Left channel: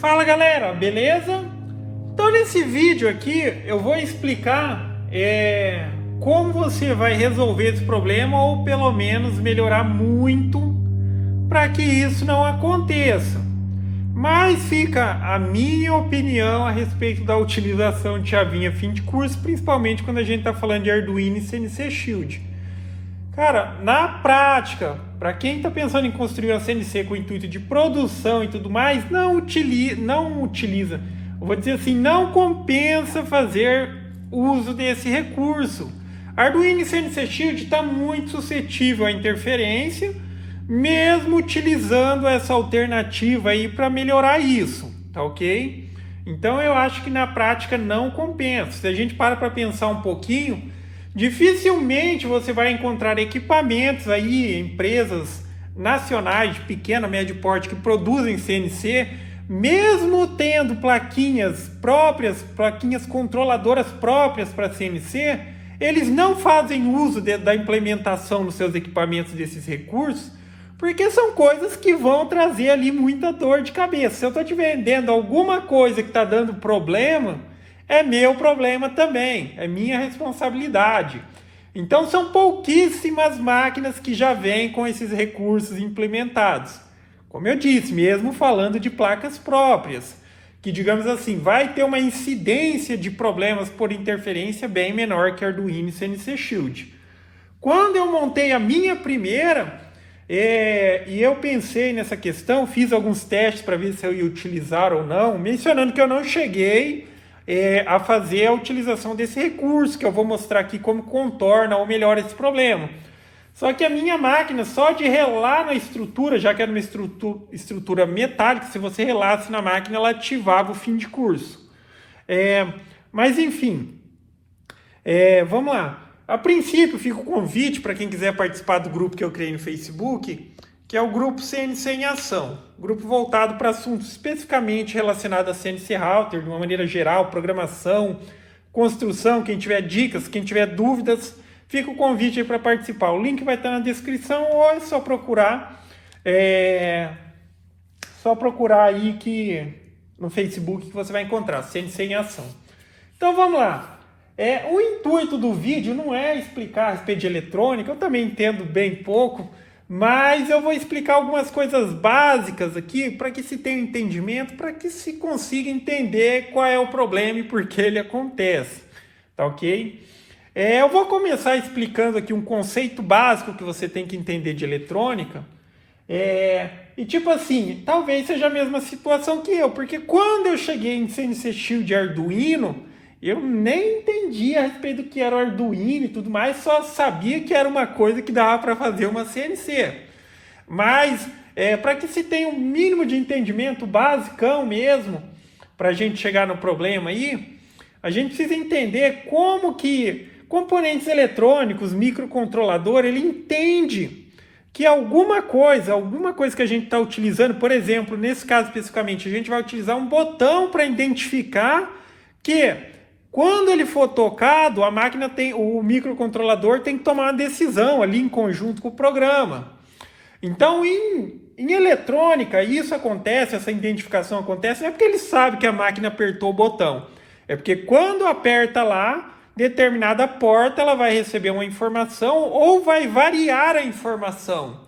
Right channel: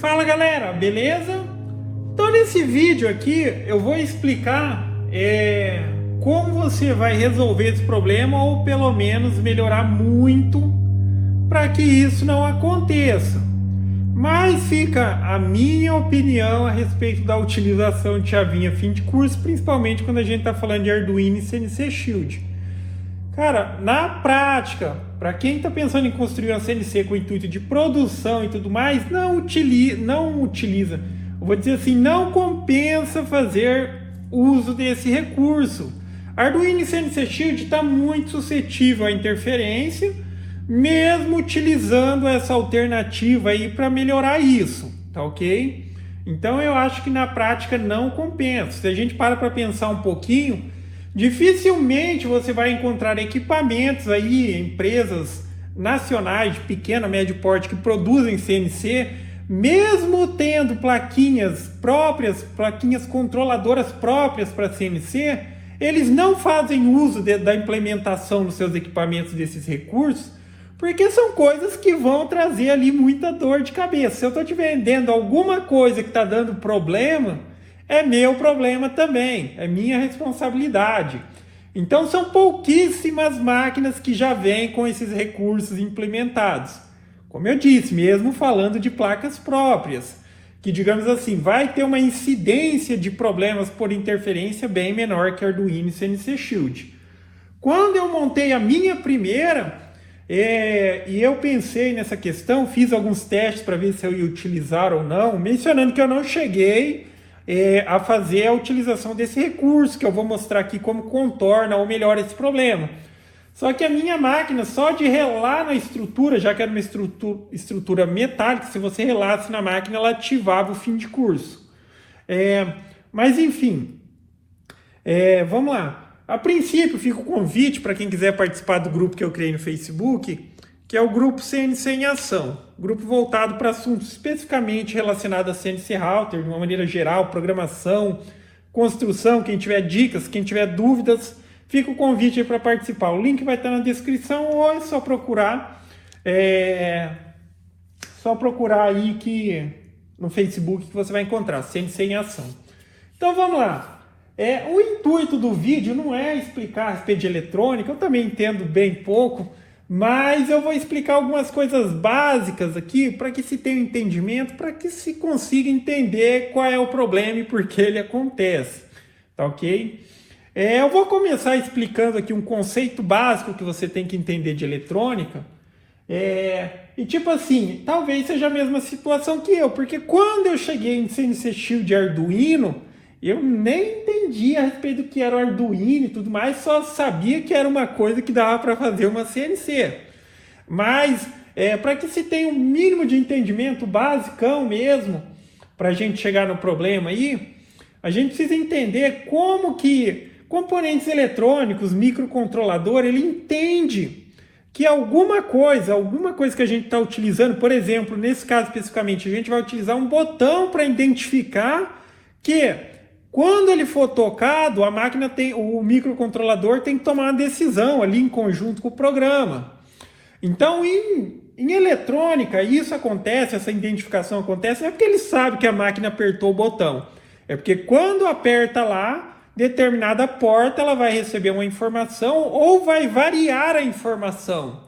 Fala galera, beleza? Então nesse vídeo aqui eu vou explicar como você vai resolver esse problema ou pelo menos melhorar muito para que isso não aconteça. Mas fica a minha opinião a respeito da utilização de chavinha fim de curso, principalmente quando a gente está falando de Arduino e CNC Shield. Cara, na prática, para quem está pensando em construir uma CNC com o intuito de produção e tudo mais, não utiliza, eu vou dizer assim, não compensa fazer uso desse recurso. Arduino e CNC Shield está muito suscetível à interferência, mesmo utilizando essa alternativa aí para melhorar isso, tá ok? Então eu acho que na prática não compensa. Se a gente para pensar um pouquinho, dificilmente você vai encontrar equipamentos aí, empresas nacionais de pequeno, médio porte que produzem CNC, mesmo tendo plaquinhas próprias, plaquinhas controladoras próprias para CNC, eles não fazem uso da implementação nos seus equipamentos desses recursos, porque são coisas que vão trazer ali muita dor de cabeça. Se eu estou te vendendo alguma coisa que está dando problema, é meu problema também, é minha responsabilidade. Então são pouquíssimas máquinas que já vêm com esses recursos implementados. Como eu disse, mesmo falando de placas próprias, que digamos assim, vai ter uma incidência de problemas por interferência bem menor que Arduino e CNC Shield. Quando eu montei a minha primeira, e eu pensei nessa questão, fiz alguns testes para ver se eu ia utilizar ou não, mencionando que eu não cheguei a fazer a utilização desse recurso, que eu vou mostrar aqui como contorna ou melhora esse problema. Só que a minha máquina, só de relar na estrutura, já que era uma estrutura metálica, se você relasse na máquina, ela ativava o fim de curso. Mas enfim, vamos lá. A princípio, fica o convite para quem quiser participar do grupo que eu criei no Facebook, que é o grupo CNC em Ação, grupo voltado para assuntos especificamente relacionados a CNC Router, de uma maneira geral, programação, construção. Quem tiver dicas, quem tiver dúvidas, fica o convite aí para participar. O link vai estar na descrição ou é só procurar, aí no Facebook que você vai encontrar, CNC em Ação. Então vamos lá. O intuito do vídeo não é explicar a respeito de eletrônica, eu também entendo bem pouco, mas eu vou explicar algumas coisas básicas aqui para que se tenha um entendimento, para que se consiga entender qual é o problema e por que ele acontece, tá ok? Eu vou começar explicando aqui um conceito básico que você tem que entender de eletrônica, e tipo assim, talvez seja a mesma situação que eu, porque quando eu cheguei em CNC Shield e Arduino, eu nem entendia a respeito do que era o Arduino e tudo mais, só sabia que era uma coisa que dava para fazer uma CNC. Mas, para que se tenha um mínimo de entendimento basicão mesmo, para a gente chegar no problema aí, a gente precisa entender como que componentes eletrônicos, microcontrolador, ele entende que alguma coisa que a gente está utilizando, por exemplo, nesse caso especificamente, a gente vai utilizar um botão para identificar que quando ele for tocado, o microcontrolador tem que tomar uma decisão ali em conjunto com o programa. Então, em eletrônica, isso acontece, essa identificação acontece, não é porque ele sabe que a máquina apertou o botão. É porque quando aperta lá, determinada porta, ela vai receber uma informação ou vai variar a informação.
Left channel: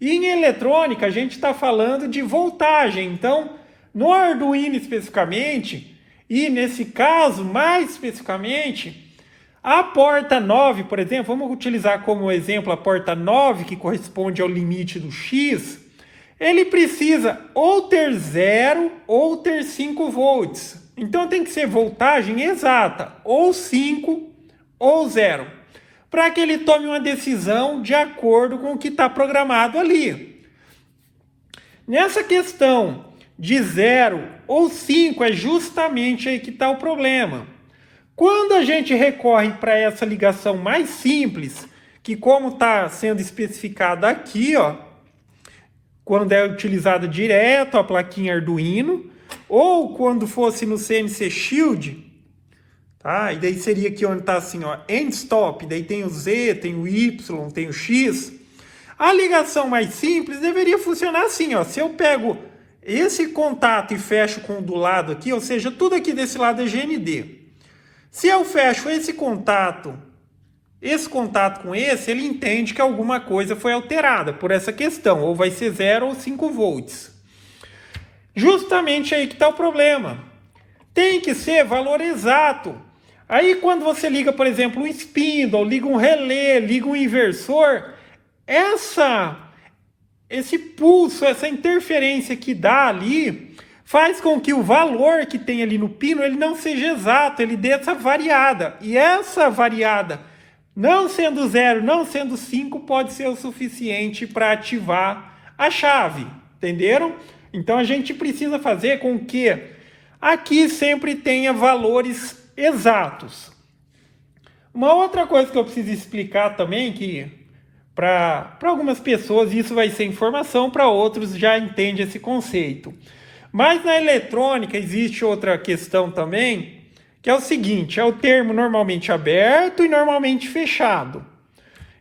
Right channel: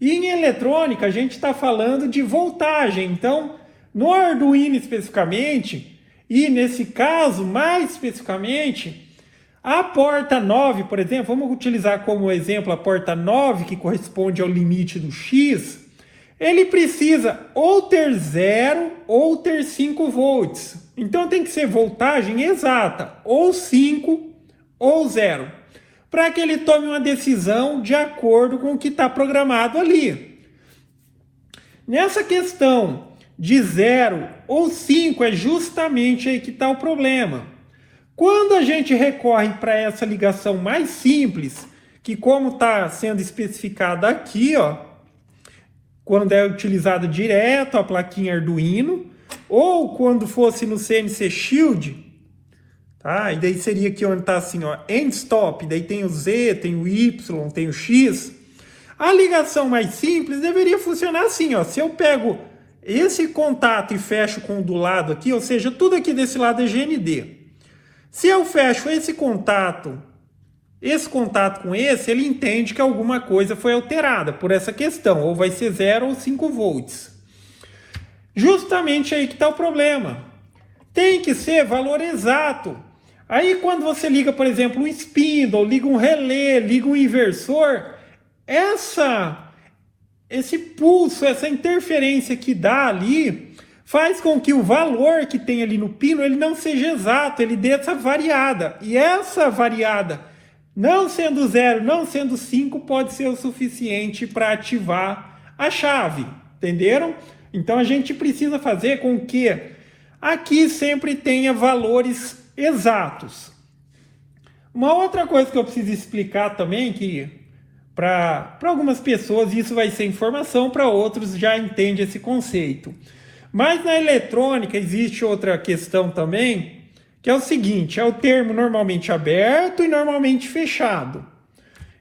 E em eletrônica, a gente está falando de voltagem. Então, no Arduino especificamente, e nesse caso, mais especificamente, a porta 9, por exemplo, vamos utilizar como exemplo a porta 9, que corresponde ao limite do X, ele precisa ou ter 0 ou ter 5 volts. Então tem que ser voltagem exata, ou 5 ou 0, para que ele tome uma decisão de acordo com o que está programado ali. Nessa questão de 0 ou 5 é justamente aí que está o problema. Quando a gente recorre para essa ligação mais simples, que como está sendo especificada aqui, ó, quando é utilizada direto a plaquinha Arduino, ou quando fosse no CNC Shield, tá? E daí seria aqui onde está assim, ó, end stop, daí tem o Z, tem o Y, tem o X. A ligação mais simples deveria funcionar assim, ó, se eu pego esse contato e fecho com o do lado aqui, ou seja, tudo aqui desse lado é GND. Se eu fecho esse contato com esse, ele entende que alguma coisa foi alterada por essa questão, ou vai ser 0 ou 5 volts. Justamente aí que está o problema. Tem que ser valor exato. Aí quando você liga, por exemplo, um spindle, liga um relé, liga um inversor, esse pulso, essa interferência que dá ali, faz com que o valor que tem ali no pino, ele não seja exato, ele dê essa variada. E essa variada, não sendo 0, não sendo 5, pode ser o suficiente para ativar a chave. Entenderam? Então a gente precisa fazer com que aqui sempre tenha valores exatos. Uma outra coisa que eu preciso explicar também, que para algumas pessoas isso vai ser informação, para outros já entende esse conceito. Mas na eletrônica existe outra questão também, que é o seguinte, é o termo normalmente aberto e normalmente fechado.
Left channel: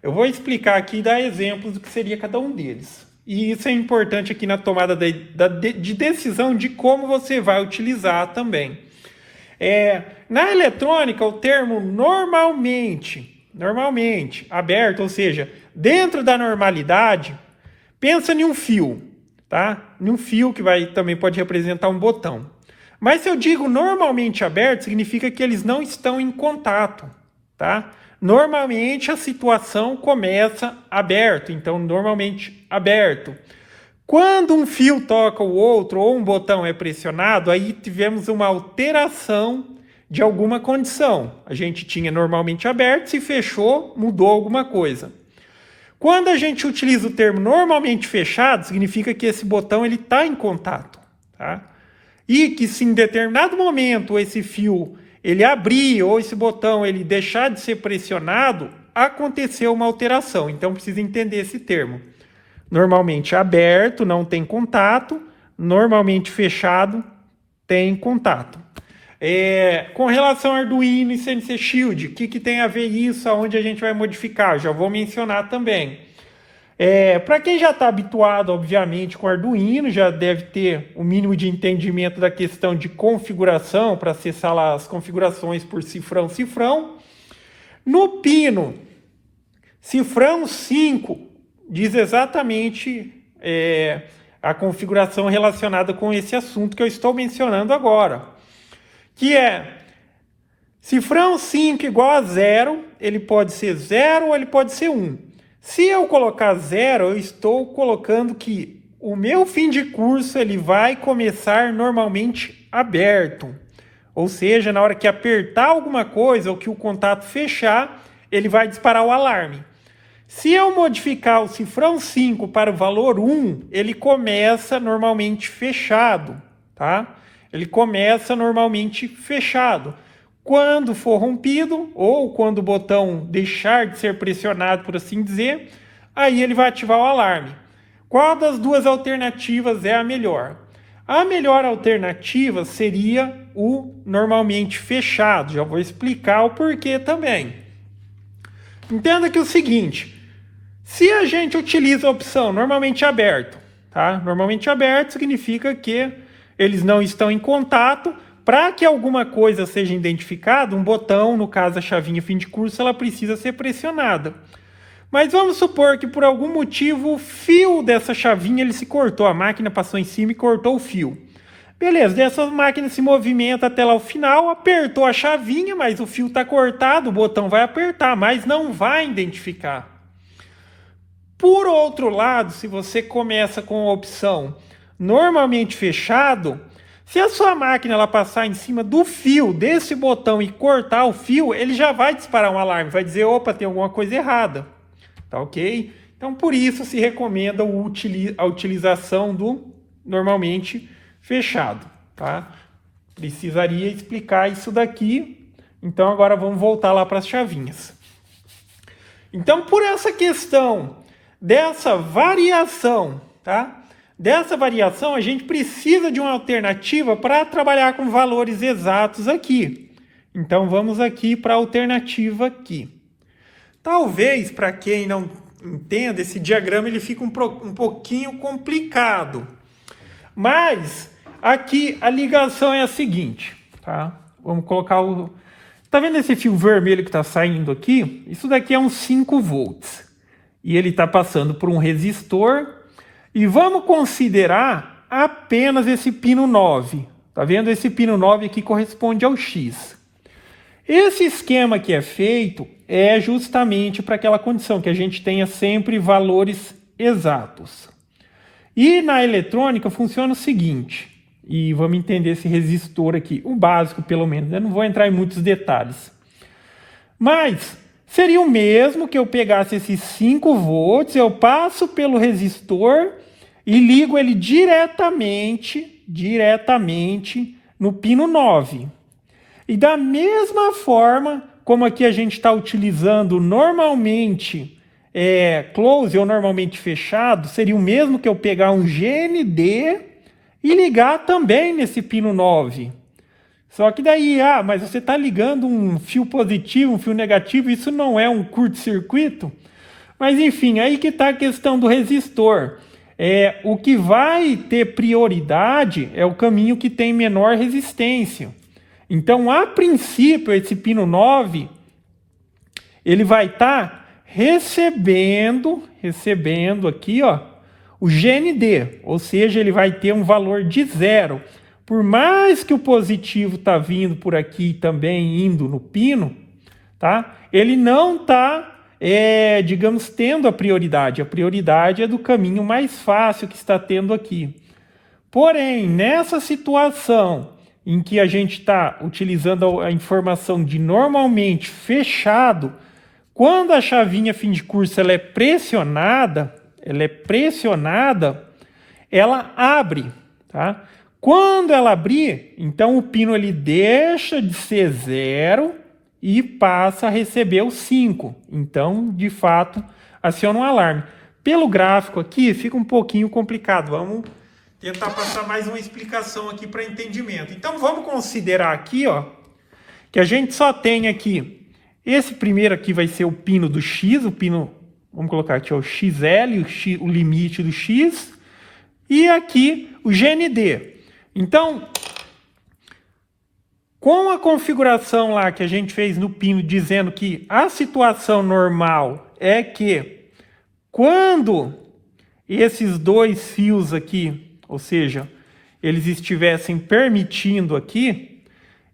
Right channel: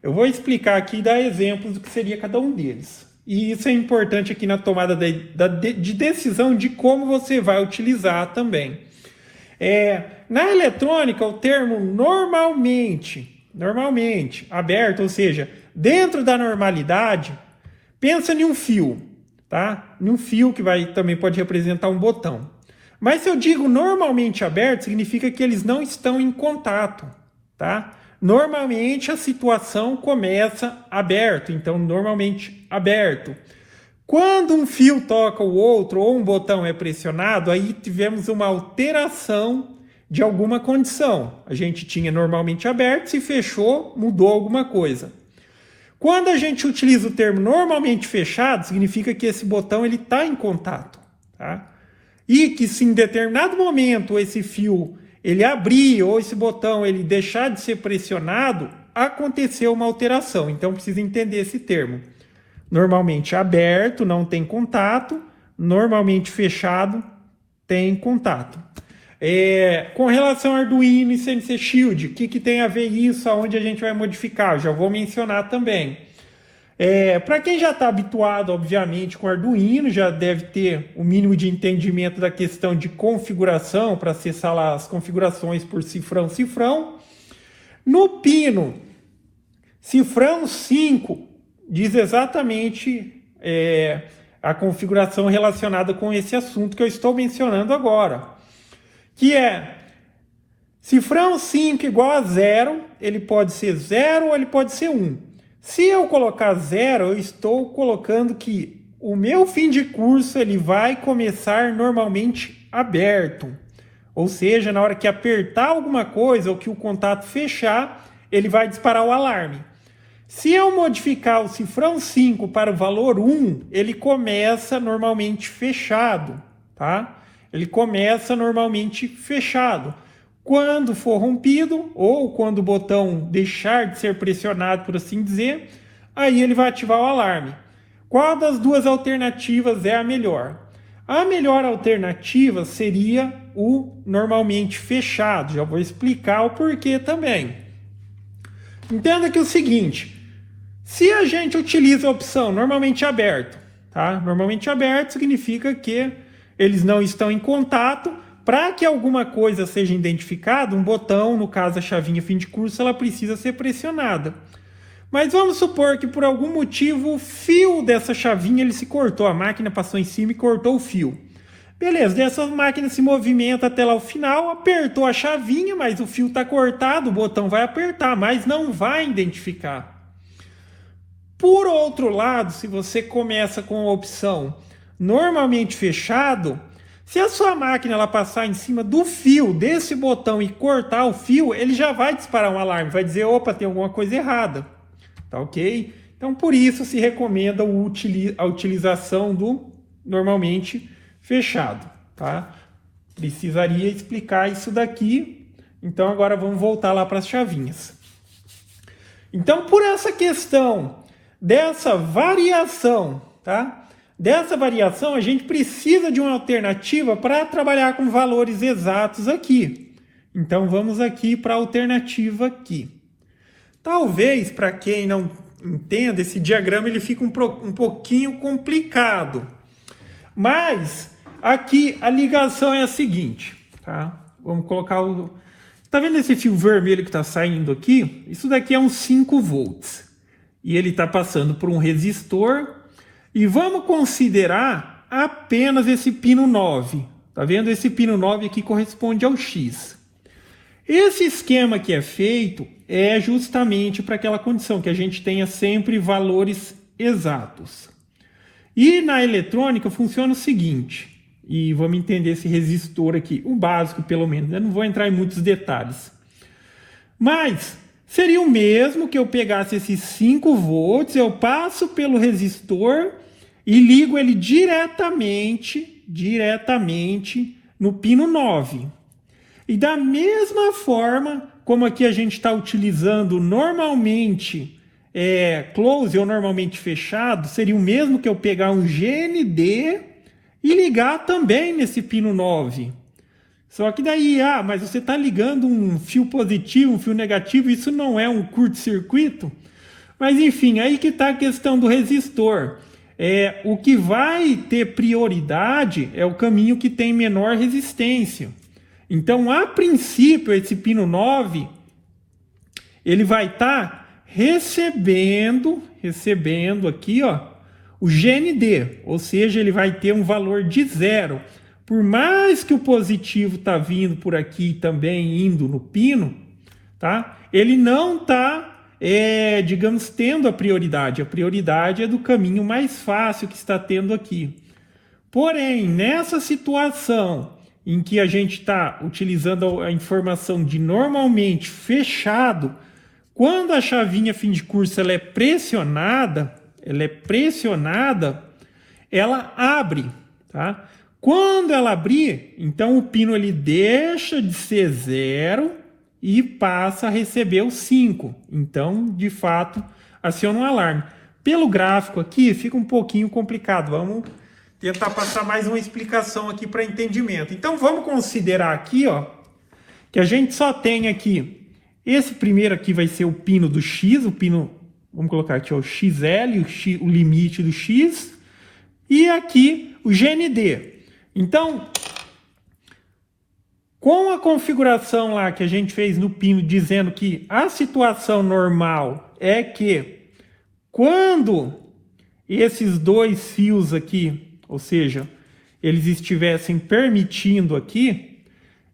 Eu vou explicar aqui e dar exemplos do que seria cada um deles. E isso é importante aqui na tomada de decisão de como você vai utilizar também. Na eletrônica, o termo normalmente aberto, ou seja, dentro da normalidade, pensa em um fio, tá? Num fio que também pode representar um botão. Mas se eu digo normalmente aberto, significa que eles não estão em contato, tá? Normalmente a situação começa aberto, então normalmente aberto. Quando um fio toca o outro ou um botão é pressionado, aí tivemos uma alteração de alguma condição. A gente tinha normalmente aberto, se fechou, mudou alguma coisa. Quando a gente utiliza o termo normalmente fechado, significa que esse botão está em contato, tá? E que se em determinado momento esse fio ele abrir ou esse botão ele deixar de ser pressionado, aconteceu uma alteração. Então precisa entender esse termo. Normalmente aberto, não tem contato. Normalmente fechado, tem contato. Com relação ao Arduino e CNC Shield, o que tem a ver isso? Aonde a gente vai modificar? Eu já vou mencionar também. Para quem já está habituado, obviamente, com Arduino, já deve ter o mínimo de entendimento da questão de configuração, para acessar lá as configurações por cifrão. No pino, cifrão 5, diz exatamente a configuração relacionada com esse assunto que eu estou mencionando agora. Que é cifrão 5 igual a 0, ele pode ser 0 ou ele pode ser 1. Se eu colocar 0, eu estou colocando que o meu fim de curso ele vai começar normalmente aberto. Ou seja, na hora que apertar alguma coisa ou que o contato fechar, ele vai disparar o alarme. Se eu modificar o cifrão 5 para o valor 1, ele começa normalmente fechado, tá? Ele começa normalmente fechado. Quando for rompido, ou quando o botão deixar de ser pressionado, por assim dizer, aí ele vai ativar o alarme. Qual das duas alternativas é a melhor? A melhor alternativa seria o normalmente fechado. Já vou explicar o porquê também. Entenda que é o seguinte, se a gente utiliza a opção normalmente aberto, tá? Normalmente aberto significa que eles não estão em contato. Para que alguma coisa seja identificada, um botão, no caso a chavinha fim de curso, ela precisa ser pressionada. Mas vamos supor que por algum motivo o fio dessa chavinha ele se cortou, a máquina passou em cima e cortou o fio. Beleza, essa máquina se movimenta até lá o final, apertou a chavinha, mas o fio está cortado, o botão vai apertar, mas não vai identificar. Por outro lado, se você começa com a opção normalmente fechado, se a sua máquina ela passar em cima do fio desse botão e cortar o fio, ele já vai disparar um alarme, vai dizer, opa, tem alguma coisa errada, tá ok? Então, por isso se recomenda a utilização do normalmente fechado, tá? Precisaria explicar isso daqui, então agora vamos voltar lá para as chavinhas. Então, por essa questão dessa variação, tá? Dessa variação, a gente precisa de uma alternativa para trabalhar com valores exatos aqui. Então, vamos aqui para a alternativa aqui. Talvez, para quem não entenda, esse diagrama ele fica um pouquinho complicado. Mas aqui a ligação é a seguinte, tá? Vamos colocar o... Tá vendo esse fio vermelho que está saindo aqui? Isso daqui é uns 5 volts. E ele está passando por um resistor. E vamos considerar apenas esse pino 9. Tá vendo? Esse pino 9 aqui corresponde ao X. Esse esquema que é feito é justamente para aquela condição, que a gente tenha sempre valores exatos. E na eletrônica funciona o seguinte, e vamos entender esse resistor aqui, o básico pelo menos, eu não vou entrar em muitos detalhes. Mas seria o mesmo que eu pegasse esses 5 volts, eu passo pelo resistor e ligo ele diretamente no pino 9. E da mesma forma, como aqui a gente está utilizando normalmente close ou normalmente fechado, seria o mesmo que eu pegar um GND e ligar também nesse pino 9. Só que daí, mas você está ligando um fio positivo, um fio negativo, isso não é um curto-circuito? Mas enfim, aí que está a questão do resistor. O que vai ter prioridade é o caminho que tem menor resistência. Então, a princípio, esse pino 9, ele vai estar recebendo aqui, ó, o GND, ou seja, ele vai ter um valor de 0. Por mais que o positivo está vindo por aqui também indo no pino, tá? Ele não está, digamos, tendo a prioridade. A prioridade é do caminho mais fácil que está tendo aqui. Porém, nessa situação em que a gente está utilizando a informação de normalmente fechado, quando a chavinha fim de curso ela é pressionada, ela abre, tá? Quando ela abrir, então o pino ele deixa de ser 0 e passa a receber o 5. Então, de fato, aciona um alarme. Pelo gráfico aqui fica um pouquinho complicado. Vamos tentar passar mais uma explicação aqui para entendimento. Então vamos considerar aqui, ó, que a gente só tem aqui, esse primeiro aqui vai ser o pino do X, o pino, vamos colocar aqui, ó, o XL, o limite do X, e aqui o GND. Então, com a configuração lá que a gente fez no pino, dizendo que a situação normal é que quando esses dois fios aqui, ou seja, eles estivessem permitindo aqui,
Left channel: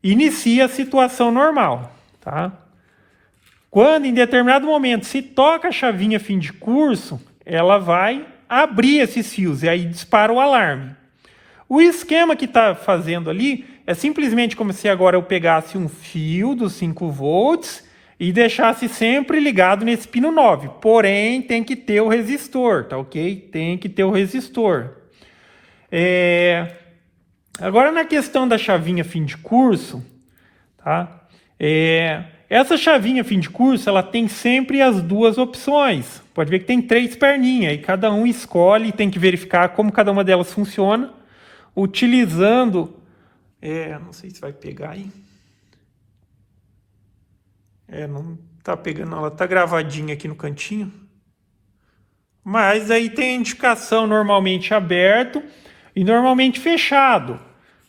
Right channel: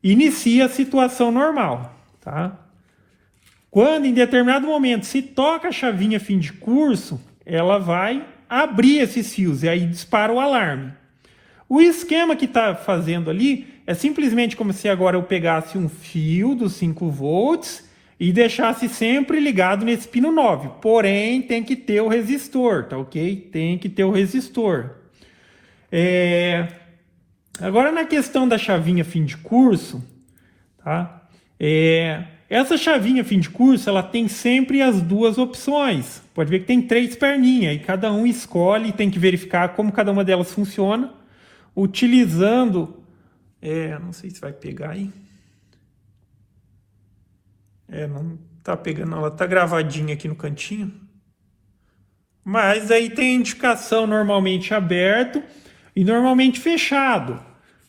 inicia a situação normal, tá? Quando em determinado momento se toca a chavinha fim de curso, ela vai abrir esses fios e aí dispara o alarme. O esquema que está fazendo ali é simplesmente como se agora eu pegasse um fio dos 5 volts e deixasse sempre ligado nesse pino 9. Porém, tem que ter o resistor, tá ok? Tem que ter o resistor. Agora, na questão da chavinha fim de curso, tá? Essa chavinha fim de curso, ela tem sempre as duas opções. Pode ver que tem 3 perninhas, e cada um escolhe, tem que verificar como cada uma delas funciona, utilizando... não sei se vai pegar aí. Não tá pegando, ela tá gravadinha aqui no cantinho. Mas aí tem a indicação normalmente aberto e normalmente fechado.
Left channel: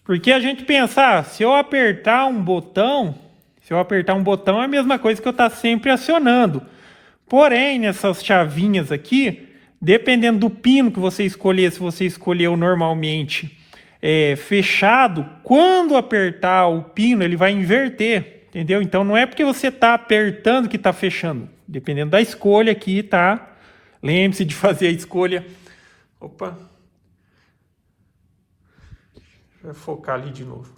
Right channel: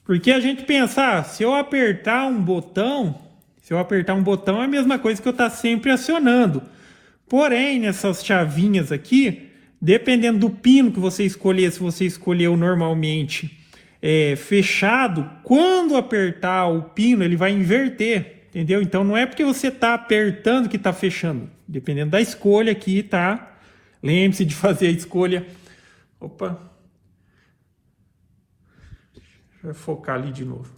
Porque a gente pensa, se eu apertar um botão é a mesma coisa que eu estar sempre acionando. Porém, nessas chavinhas aqui, dependendo do pino que você escolher, se você escolheu normalmente fechado, quando apertar o pino, ele vai inverter, entendeu? Então, não é porque você está apertando que está fechando. Dependendo da escolha aqui, tá? Lembre-se de fazer a escolha. Opa! Vou focar ali de novo.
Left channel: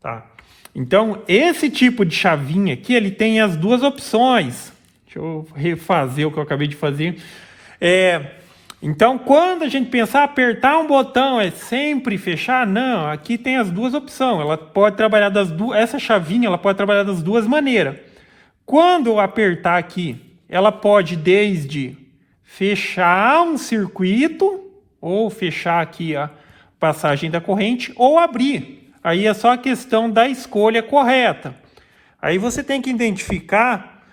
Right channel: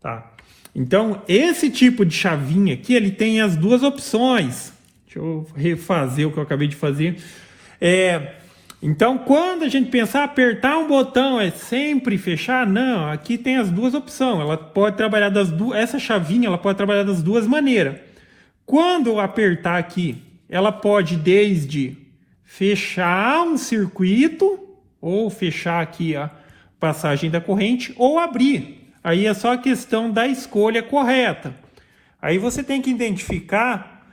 Tá. Então, esse tipo de chavinha aqui, ele tem as duas opções. Deixa eu refazer o que eu acabei de fazer. Então, quando a gente pensar apertar um botão é sempre fechar, não. Aqui tem as duas opções. Ela pode trabalhar essa chavinha, ela pode trabalhar das duas maneiras. Quando eu apertar aqui, ela pode desde fechar um circuito ou fechar aqui a passagem da corrente ou abrir. Aí é só a questão da escolha correta. Aí você tem que identificar,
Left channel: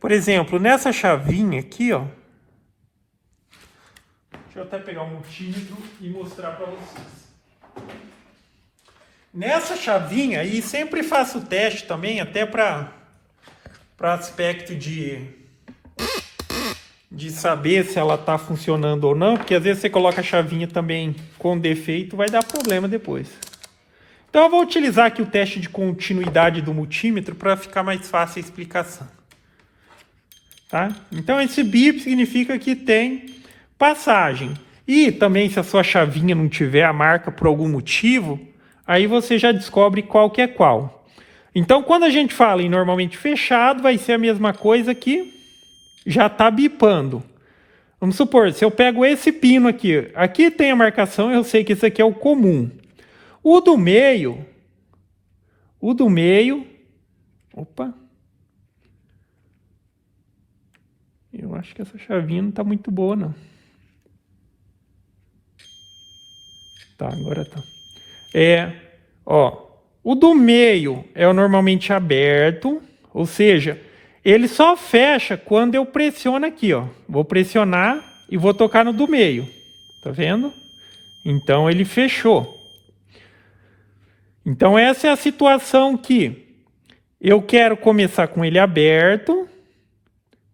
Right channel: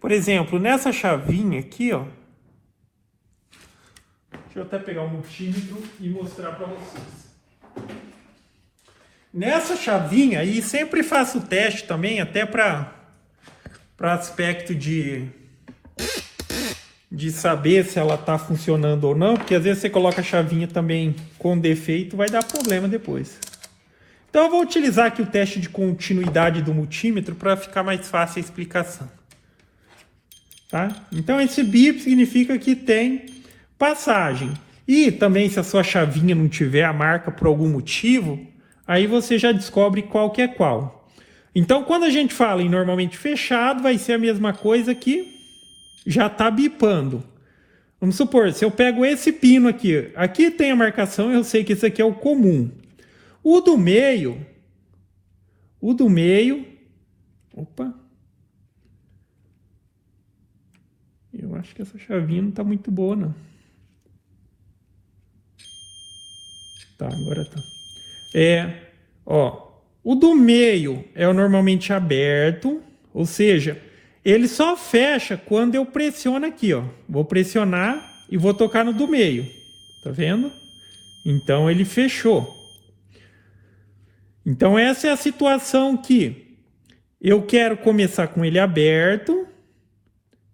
por exemplo, nessa chavinha aqui, ó. Deixa eu até pegar o multímetro e mostrar para vocês. Nessa chavinha, e sempre faço o teste também, até para aspecto de saber se ela está funcionando ou não, porque às vezes você coloca a chavinha também com defeito, vai dar problema depois. Então eu vou utilizar aqui o teste de continuidade do multímetro para ficar mais fácil a explicação. Tá? Então esse bip significa que tem passagem. E também se a sua chavinha não tiver a marca por algum motivo, aí você já descobre qual que é qual. Então quando a gente fala em normalmente fechado, vai ser a mesma coisa que já está bipando. Vamos supor, se eu pego esse pino aqui, aqui tem a marcação, eu sei que esse aqui é o comum. O do meio, opa, eu acho que essa chavinha não está muito boa, não. Tá, agora tá. O do meio é o normalmente aberto, ou seja, ele só fecha quando eu pressiono aqui, ó. Vou pressionar e vou tocar no do meio, tá vendo? Então ele fechou. Então essa é a situação que eu quero começar com ele aberto.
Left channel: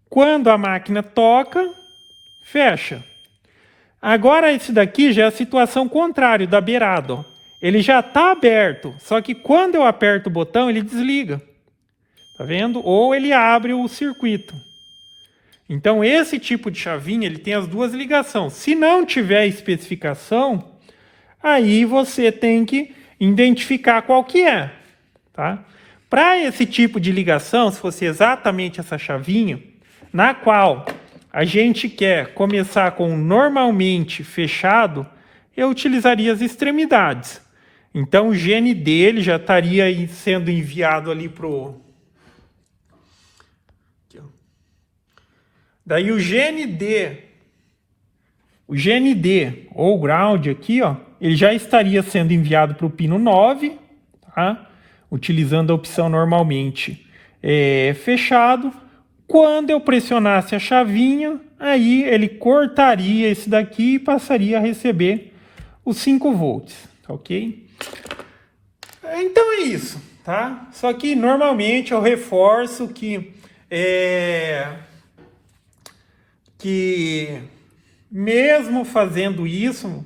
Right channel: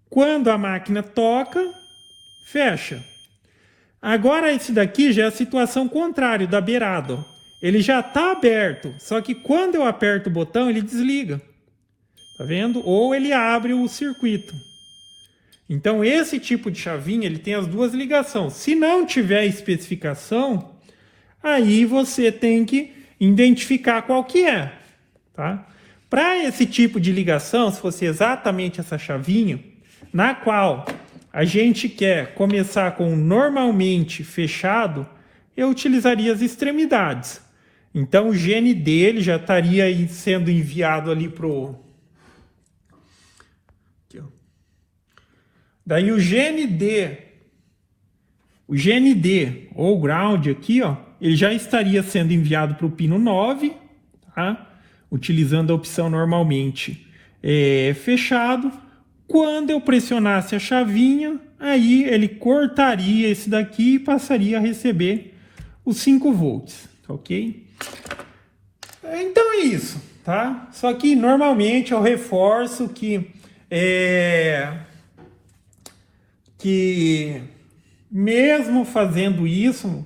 Quando a máquina toca, fecha. Agora esse daqui já é a situação contrária da beirada. Ó. Ele já está aberto, só que quando eu aperto o botão ele desliga. Tá vendo? Ou ele abre o circuito. Então esse tipo de chavinha ele tem as duas ligações. Se não tiver especificação, aí você tem que identificar qual que é. Tá? Para esse tipo de ligação, se fosse exatamente essa chavinha, na qual a gente quer começar com normalmente fechado, eu utilizaria as extremidades. Então o GND ele já estaria sendo enviado ali pro... Aqui, ó. Daí o GND ou ground aqui, ó, ele já estaria sendo enviado para o pino 9, tá? Utilizando a opção normalmente fechado. Quando eu pressionasse a chavinha, aí ele cortaria esse daqui e passaria a receber os 5 volts, ok? Então é isso, tá? Só que normalmente eu reforço que mesmo fazendo isso,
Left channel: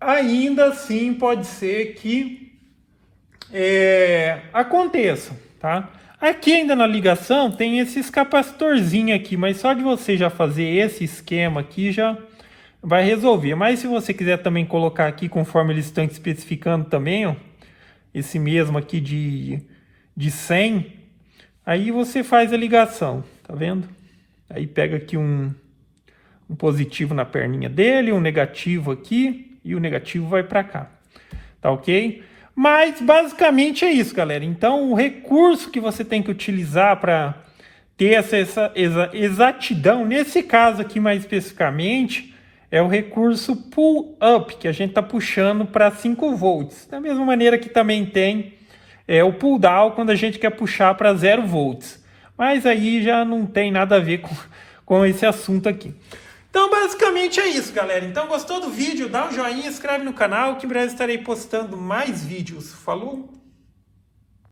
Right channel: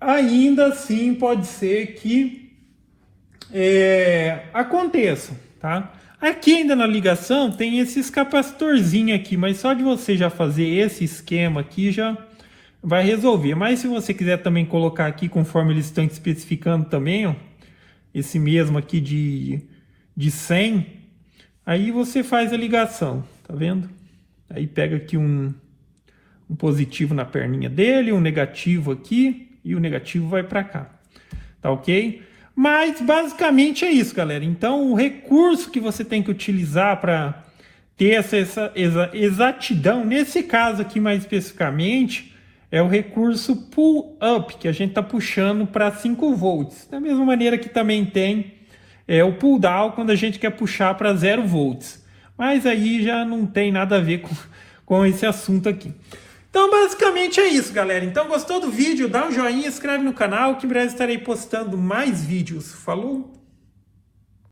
ainda assim pode ser que aconteça, tá? Aqui ainda na ligação tem esse capacitorzinho aqui, mas só de você já fazer esse esquema aqui já vai resolver. Mas se você quiser também colocar aqui, conforme eles estão especificando também, ó, esse mesmo aqui de 100, aí você faz a ligação, tá vendo? Aí pega aqui um positivo na perninha dele, um negativo aqui, e o negativo vai para cá, tá ok? Mas basicamente é isso, galera. Então o recurso que você tem que utilizar para ter essa exatidão, nesse caso aqui mais especificamente, é o recurso pull up, que a gente está puxando para 5 volts. Da mesma maneira que também tem o pull down, quando a gente quer puxar para 0 volts. Mas aí já não tem nada a ver com esse assunto aqui. Então basicamente é isso, galera. Então gostou do vídeo? Dá um joinha, inscreve no canal que em breve estarei postando mais vídeos. Falou?